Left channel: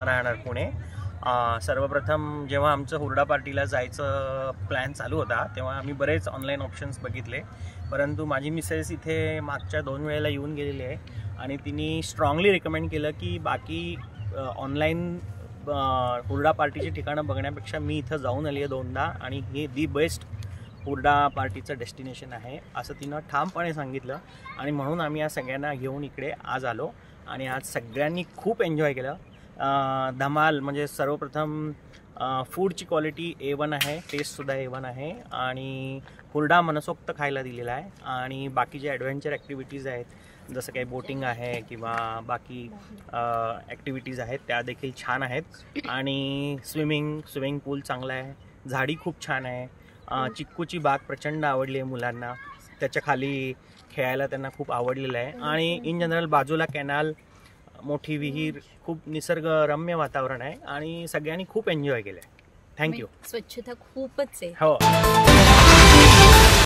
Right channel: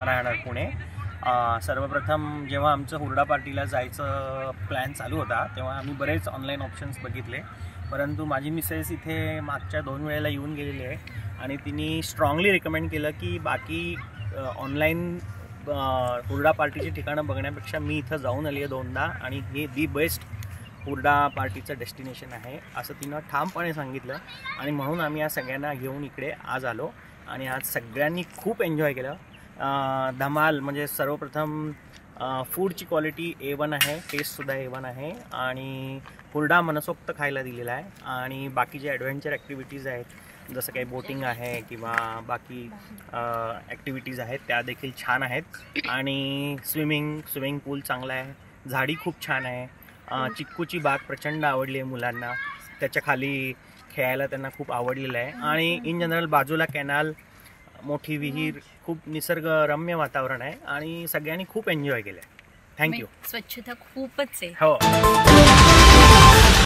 राहणार पुणे। सर्वप्रथम जेव्हा आमचं हुरडा पार्टीला जायचं प्लॅन चालू होता तेव्हा आम्ही बरेच ऑनलाईन ऑप्शन्स बघितले, परंतु माझी मिसेस इथे मागच्या 2 वेळेला येऊन गेलेली आहे आणि तिने स्ट्रॉंगली रिकमेंड केलं की बाकी ऑनलाईन हुरडा पार्टीची ठिकाणं बघण्यापेक्षा मी इथं जाऊन आली आहे 2दा आणि हे दी बेस्ट हुरडा पार्टीचं डेस्टिनेशन आहे असं तिनं ठामपणे सांगितलं आणि म्हणून आम्ही या सगळ्यांना घेऊन इकडे आज आलो आणि आज सगळ्यांनी खूप एन्जॉय केलं। धमाल म्हणजे सर्वप्रथम फूडची क्वालिटी A1 आहे, टेस्टसुद्धा A1 आहे आणि हुरडा मनसोक्त खायला दिलेला आहे आणि बाकी जे ॲडव्हेंचर ॲक्टिव्हिटीज आहेत जसं काही बोटिंग आहे किंवा बाकी ॲक्टिव्हिटीज आहेत त्या देखील छान आहेत आणि स्विमिंग पूल चांगला आहे, झाडी खूप छान आहे, चिक्कूची बाग प्रचंड आवडली आहे मुलांना, त्याच्या खाली खेळायला त्यांना खूप आवडलेलं आहे आणि इन जनरल बाजूला कॅनाल, मोठी विहीर, खूप निसर्गरम्य वातावरण आहे आणि सगळ्यांनी खूप एन्जॉय केलं आहे। थँक्यू। स्वच्छता खूपच आहे। हो।